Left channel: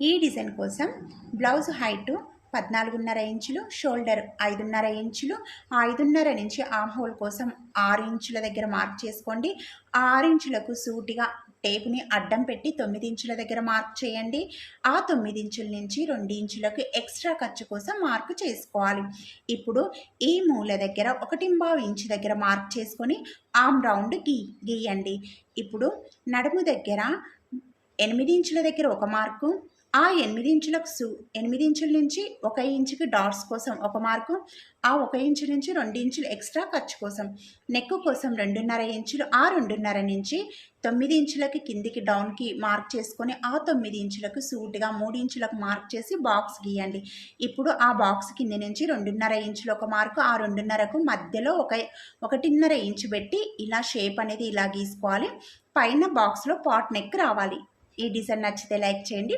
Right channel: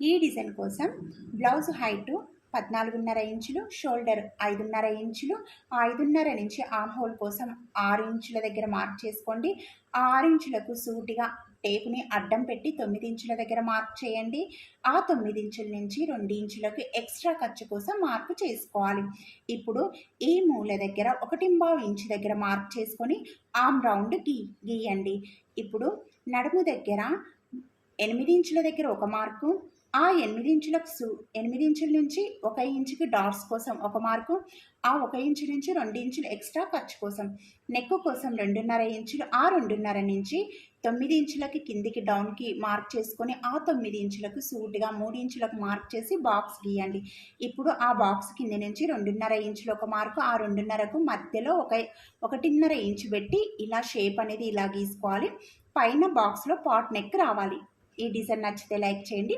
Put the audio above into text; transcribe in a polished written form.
ఈ డిజైన్ కోసం blouse height 14.5 ఇంచులు, షోల్డర్ 5.5 ఇంచులు, 5.5 నుంచి ఆమ్ హోల్ కోసం 6 ఇంచుల దగ్గర మార్క్ చేసుకోండి. 6 ఇంచులకు సూటిగా టేప్ని అడ్డం పెట్టి 9 ఇంచుల దగ్గర మార్క్ చేయండి. ఆ 9 ఇంచుల నుంచి 2 ఇంచులకు ఎక్స్ట్రా ఖర్చు కోసం మార్క్ చేసుకోవాలి. ఇప్పుడు ఈ మూల దగ్గర 1.5 ఇంచు దగ్గర మార్క్ చేసుకొని ఆమ్ రౌండ్ గీయండి. ఇప్పుడు నడుము దగ్గర 8 ఇంచుల దగ్గర ఒక మార్కు, ఆ 8 ఇంచులకు 8 ఇంచుల నుంచి 1 ఇంచుకి డాట్స్ కోసం ఒక మార్కు, ఆ 1 ఇంచు నుంచి 2 ఇంచులు ఎక్స్ట్రా ఖర్చు కోసం, నెక్ కోసం 2.5 ఇంచులు, ఆ 2.5 నుంచి 9 ఇంచులకి కిందికి డౌన్కి మార్క్ చేసుకొని ఆ 9 ఇంచులకు సూటిగా 3 ఇంచులకు మార్క్ చేసి బాక్స్ గీయండి. ఇప్పుడు ఆ బాక్స్ కింది నుంచి 2.5 ఇంచులు ఒక మార్కు, ఆ 2.5కు మధ్యలో 1.5 ఇంచు పెట్టి ఇలా షేప్ అనేది ఇలా గీసుకోవాలి. పైన బాక్స్లో పాట్ నెక్ రావాలి. ఈ డిజైన్ నచ్చితే లైక్ చేయండి.